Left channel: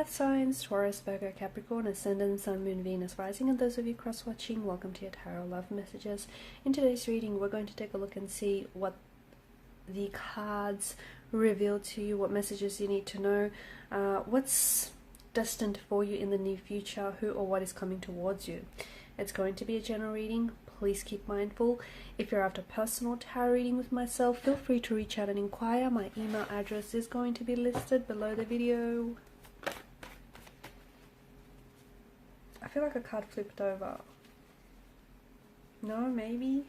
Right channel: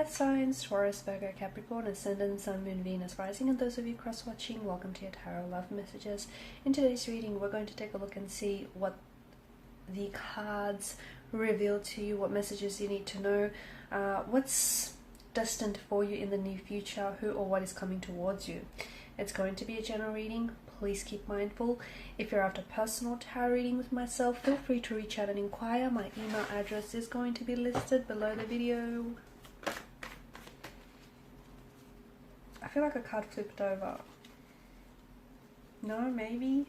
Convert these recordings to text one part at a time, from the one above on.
earth signs, Taurus, Virgo, Capricorn, Ascendant, Sun, Moon, Venus, Rising, and those of you cross-watching, welcome to your Tarot Love Messages. In today's reading, we're going to take a look and see what the cards reveal to you, what messages you need to know, what's destined for you in the near future, who or what is coming towards you. It's going to be a general reading. Please keep mindful. If you're after personal tarot reading with myself, feel free to reach out and inquire. My email address is going to be listed below the video. I feel like a card flipped over. No, maybe?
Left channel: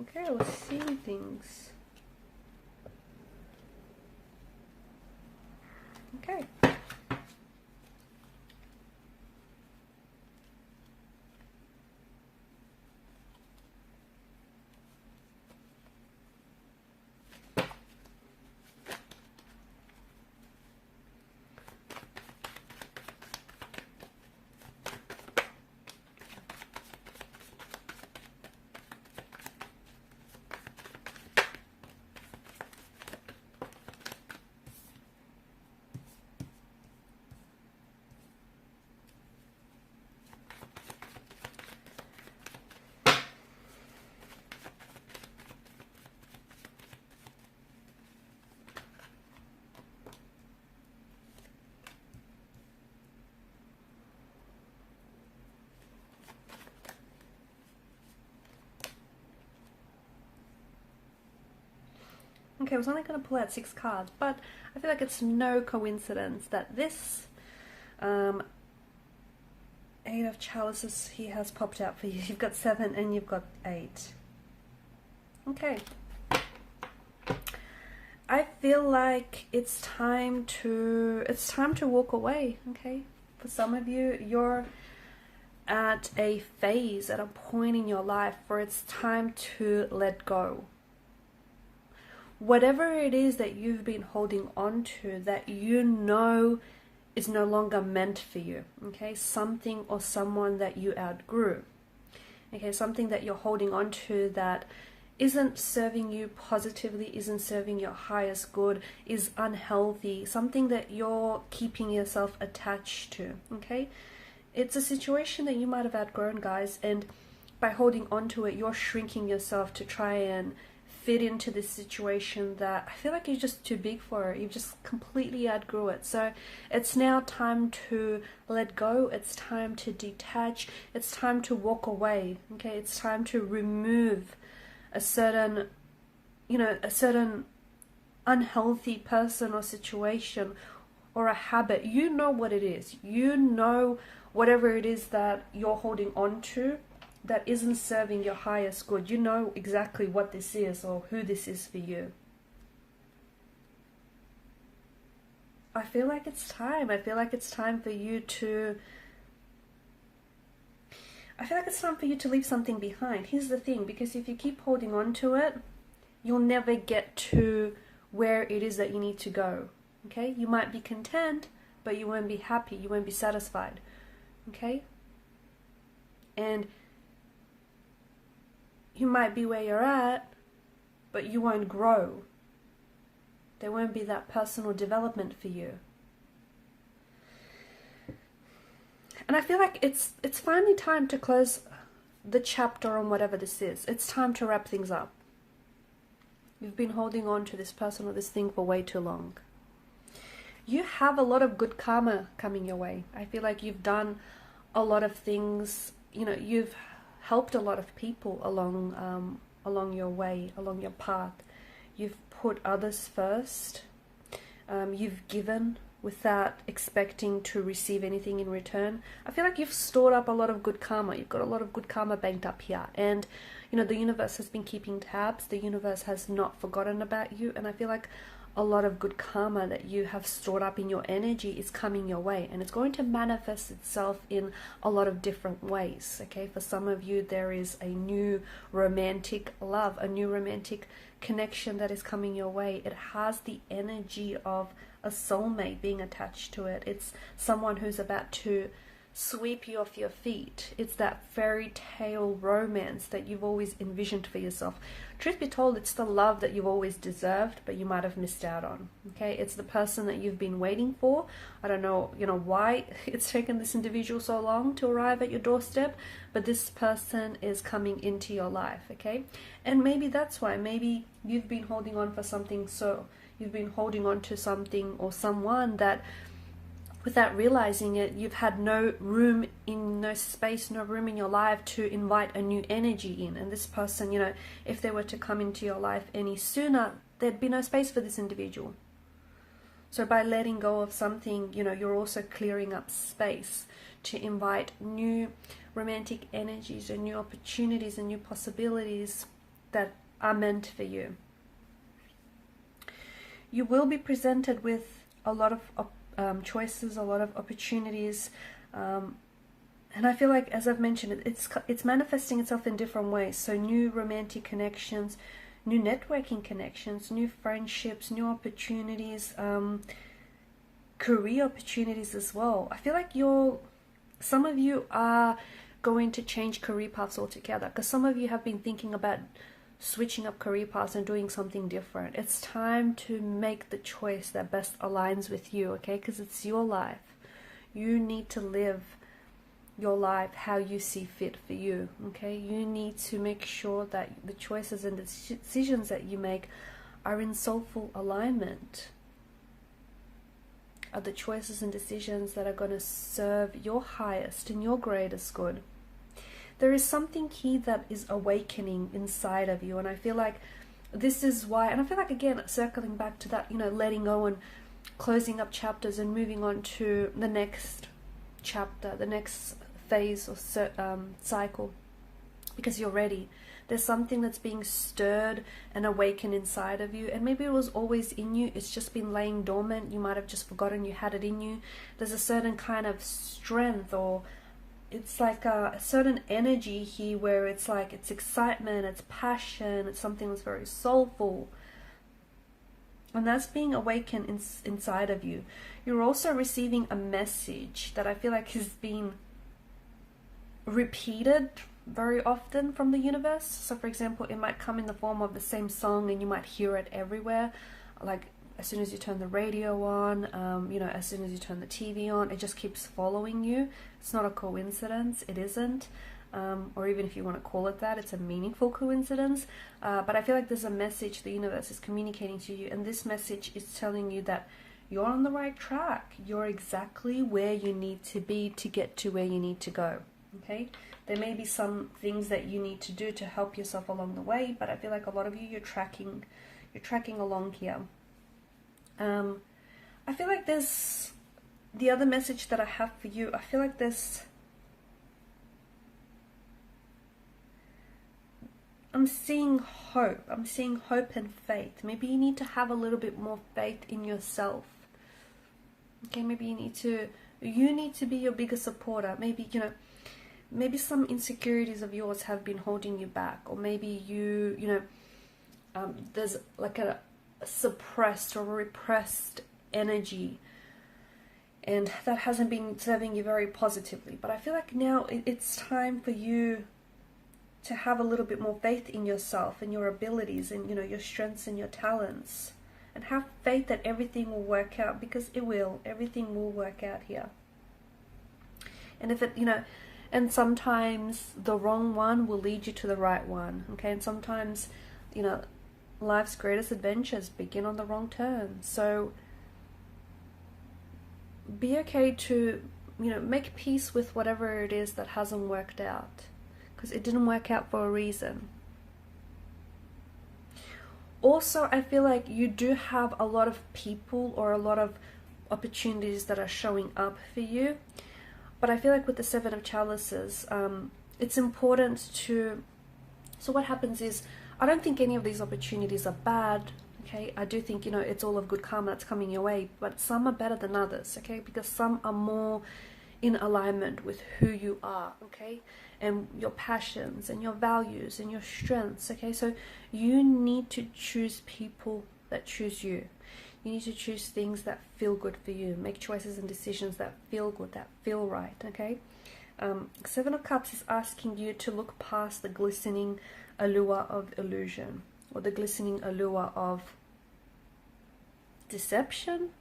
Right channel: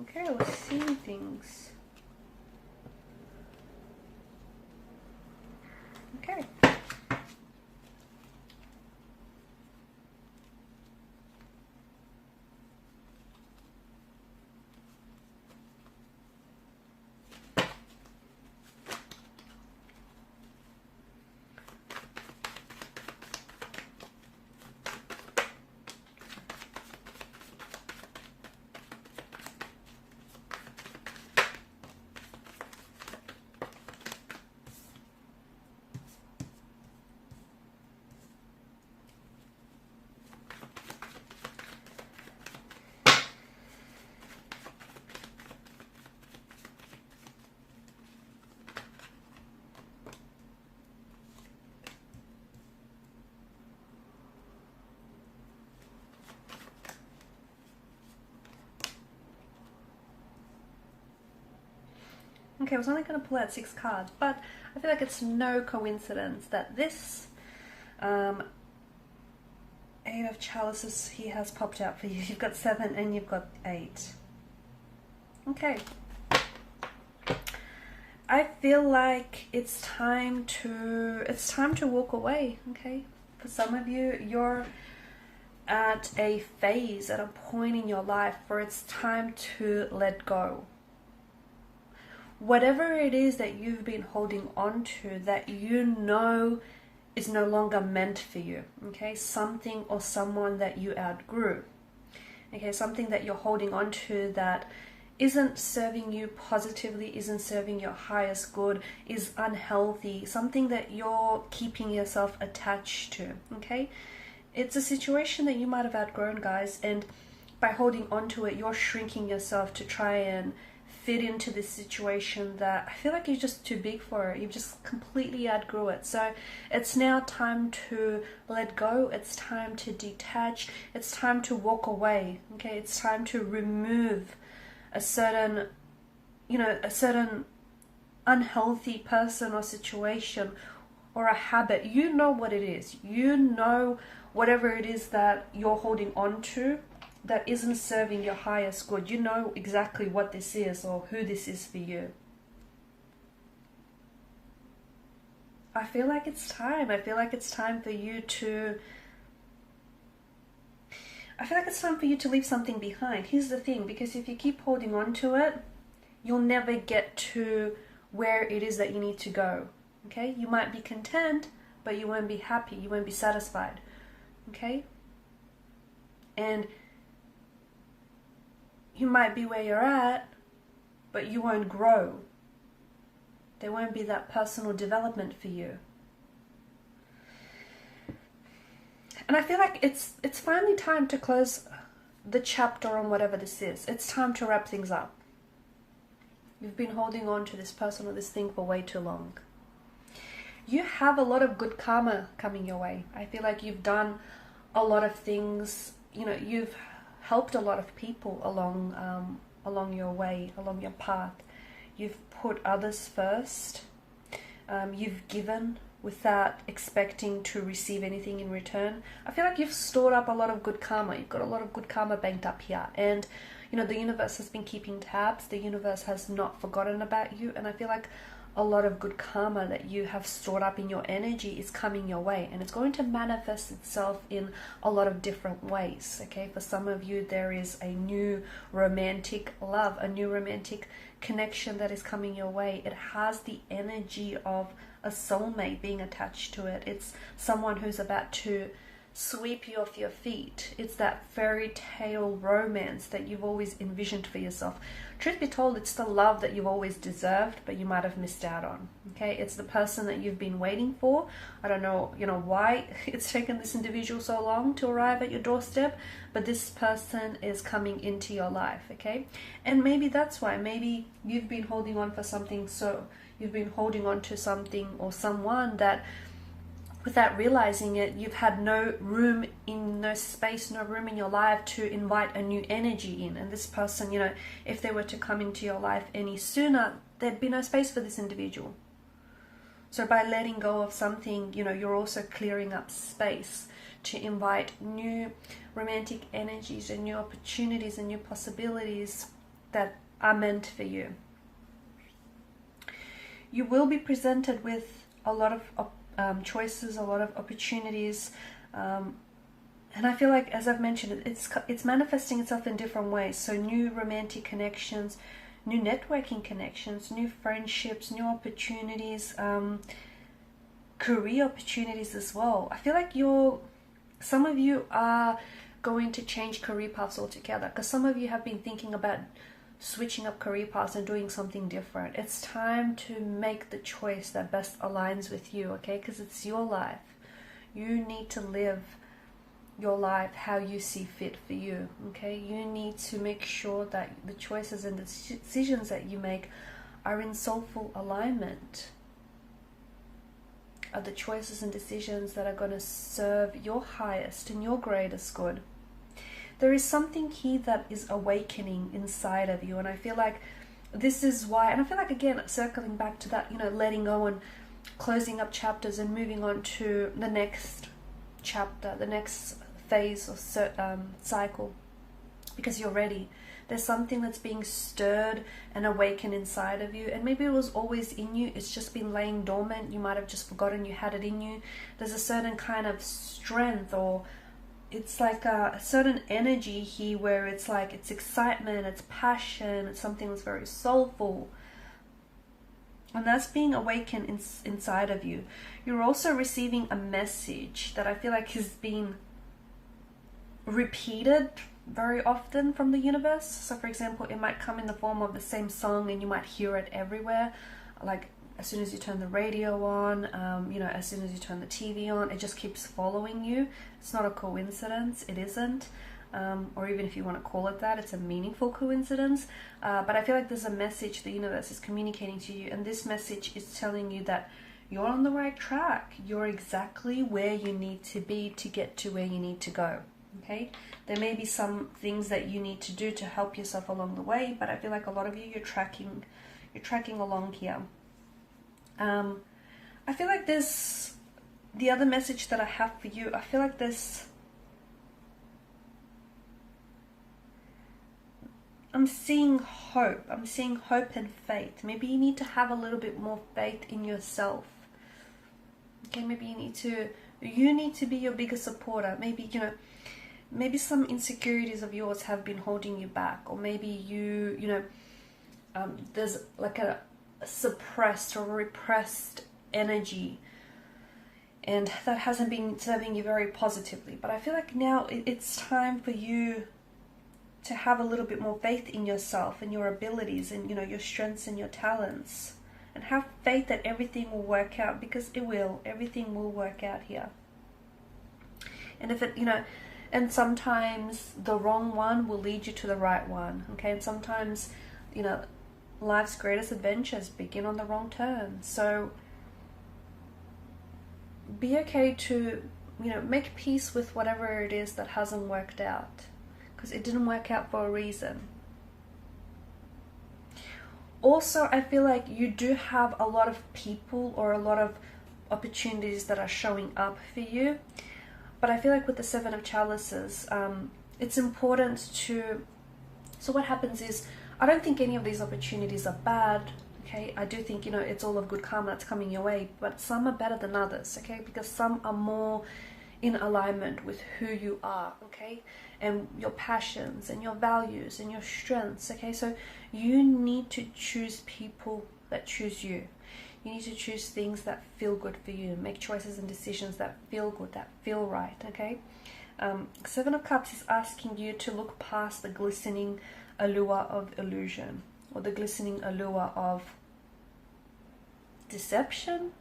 Okay, let's see things. Okay. Okay, I was only going to pull out 6 cards, but I feel like it's no coincidence that this 8 of chalices here has popped out for you. You've got 7 and you've got 8. Okay. I feel like it's time to walk away, okay? For some of you, you're at a phase, at a point in your life where it's time to let go. Whatever it is that you've been holding on to that you know is no longer meant for you, okay? Something or someone that you outgrew, okay? Something that you're holding on to that isn't serving you positively, isn't serving your highest good, is unhealthy, something that you're keeping yourself attached to, okay? It's a situation that you might have outgrown, guys, and by holding on to it, you're shrinking yourself to try and fit into this situation that I feel like you're just too big for it. You've just completely outgrew it. So it's now time to let go. It's time to detach. It's time to walk away. Okay, it's time to remove a certain, a certain unhealthy person or situation or a habit. You know what it is. You know whatever it is that you're holding on to that isn't serving your highest good. You know exactly what this is or who this is for you. I feel like it's time. I feel like it's time for you to leave something behind. Here's the thing, because if you keep holding on to it, you'll never get to where it is that you need to go. Okay? You might be content, but you won't be happy. You won't be satisfied. Okay? And you might be where you're at, but you won't grow. There won't be that personal development for you. And I feel like it's finally time to close the chapter on whatever this is. It's time to wrap things up. You've been holding on to this person or this thing for way too long. You have a lot of good karma coming your way. I feel like you've done a lot of things, you've helped a lot of people along your way, along your path. You've put others first. You've given without expecting to receive anything in return. I feel like you've stored up a lot of good karma. You've got a lot of good karma banked up here. And, the universe has been keeping tabs. The universe has not forgotten about you. And I feel like a lot of good karma that you have stored up in your energy is coming your way, and it's going to manifest itself in a lot of different ways. Okay, for some of you there is a new romantic love, a new romantic connection that is coming your way. It has the energy of a soulmate being attached to it. It's someone who's about to sweep you off your feet. It's that fairy tale romance that you've always envisioned for yourself. Truth be told, it's the love that you've always deserved, but you might have missed out on. Okay, it's the person that you've been waiting for. I don't know, why it's taken this individual so long to arrive at your doorstep, but this person is coming into your life. Okay, and maybe that's why. Maybe you've been holding on for something, so you've been holding on to something or someone that, without realizing it, you've had no room in your life to invite a new energy in. And this person, if they were to come into your life any sooner, there'd be no space for this individual. So by letting go of something, you're also clearing up space to invite new romantic energies and new opportunities and new possibilities that are meant for you. You will be presented with a lot of choices, a lot of opportunities, and I feel like, as I've mentioned, it's manifesting itself in different ways. So new romantic connections, new networking connections, new friendships, new opportunities, career opportunities as well. I feel like some of you are going to change career paths altogether, because some of you have been thinking about switching up career paths and doing something different. It's time to make the choice that best aligns with you, okay? Because it's your life. You need to live your life how you see fit for you, okay? You need to make sure that the choices and the decisions that you make are in soulful alignment, are the choices and decisions that are going to serve your highest and your greatest good. There is something here that is awakening inside of you, and I feel like this is why, and I feel like, again, circling back to that, letting go and closing up chapters and moving on to the next chapter, the next phase or cycle, because you're ready. There's something that's being stirred and awakened inside of you, and maybe it was always in you, it's just been laying dormant. You might have just forgotten you had it in you. There's a certain kind of strength, or it's like a certain energy here where it's like, it's excitement, it's passion, it's something that's very soulful, and that's being awakened inside of you. You're also receiving a message that I feel like has been repeated very often from the universe. So for example, it might come in the form of the same song, and you might hear it everywhere, like as soon as you turn the radio on, as soon as you turn the TV on, it just keeps following you. It's not a coincidence, it isn't, or even if you want to call it that, it's a meaningful coincidence, but I feel like there's a message the universe is communicating to you, and this message is telling you that you're on the right track. You're exactly where you need to be to get to where you need to go, okay? There may be some things that you need to do to help yourself along the way, but I feel like a lot of you, you're tracking along here. I feel like the other message that I have for you, I feel like I'm seeing hope. I'm seeing hope and faith. Maybe you need to have a little bit more faith in yourself. Okay, maybe you need to be your biggest supporter. Maybe, maybe some insecurities of yours have been holding you back, or maybe there's like a suppressed or repressed energy, and that hasn't been serving you very positively. But I feel like now it's time for you to have a little bit more faith in yourself and your abilities and your strengths and your talents, and have faith that everything will work out, because it will. Everything will work out here. And if it, and sometimes the wrong one will lead you to the right one, okay? And sometimes, life's greatest adventures begin on the wrong turn. So be okay to, make peace with whatever it is that hasn't worked out, because it didn't work out for a reason. Also, I feel like you do have a lot of people or a lot of opportunities that are showing up for you. But I feel like with the Seven of Chalices, it's important to... So what happens is, I don't think any of these opportunities are bad, okay? I do think, it's all of good karma that's coming your way, but some are better than others, okay? Because some are more in alignment with who you are, okay? And your passions and your values and your strengths, okay? So you need to choose people that choose you. You need to choose things that feel good for you. Make choices and decisions that feel good, that feel right, okay? Seven of Cups is asking you to look past the glistening allure of illusion, or the glistening allure of deception,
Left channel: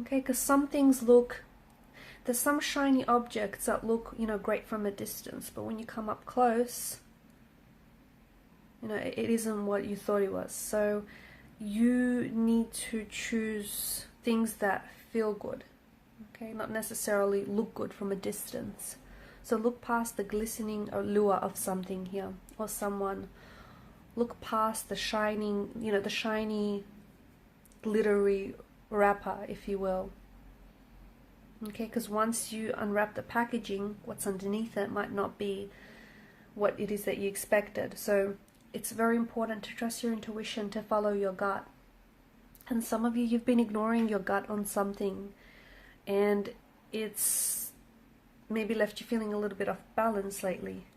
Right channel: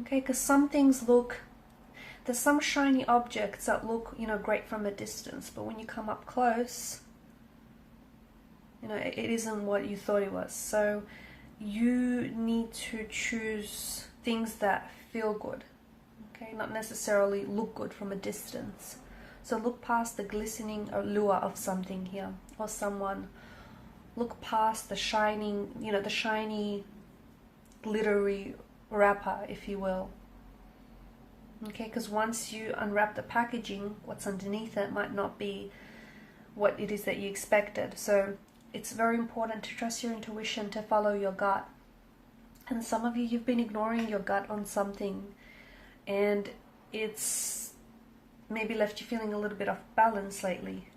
okay? Because some things look, there's some shiny objects that look, you know, great from a distance, but when you come up close, you know, it isn't what you thought it was. So you need to choose things that feel good, okay? Not necessarily look good from a distance. So look past the glistening allure of something here, or someone. Look past the shining, you know, the shiny, glittery wrapper, if you will. Okay, because once you unwrap the packaging, what's underneath it might not be what it is that you expected. So it's very important to trust your intuition, to follow your gut. And some of you, you've been ignoring your gut on something, and it's maybe left you feeling a little bit off balance lately.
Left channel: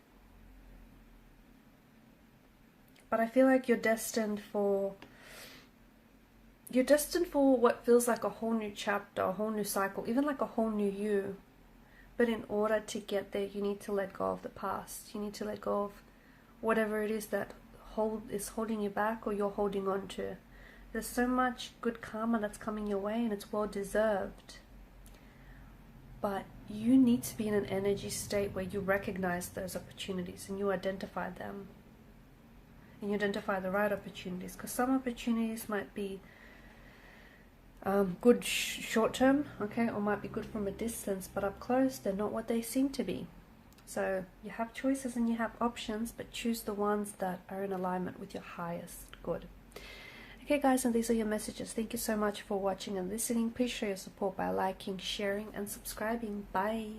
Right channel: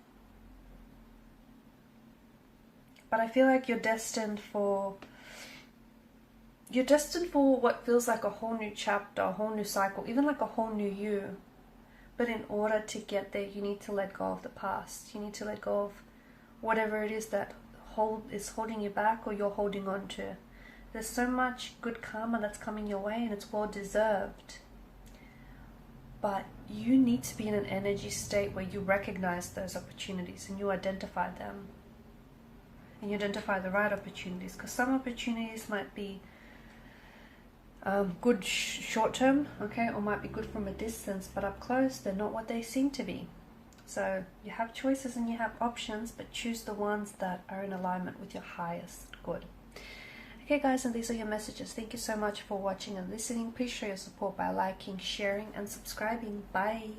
But I feel like you're destined for what feels like a whole new chapter, a whole new cycle, even like a whole new you. But in order to get there, you need to let go of the past. You need to let go of whatever it is that is holding you back, or you're holding on to. There's so much good karma that's coming your way, and it's well deserved. But you need to be in an energy state where you recognize those opportunities and you identify them. And you identify the right opportunities, because some opportunities might be good short term, okay, or might be good from a distance, but up close they're not what they seem to be. So you have choices and you have options, but choose the ones that are in alignment with your highest good. Okay guys, and these are your messages. Thank you so much for watching and listening. Please show your support by liking, sharing and subscribing. Bye.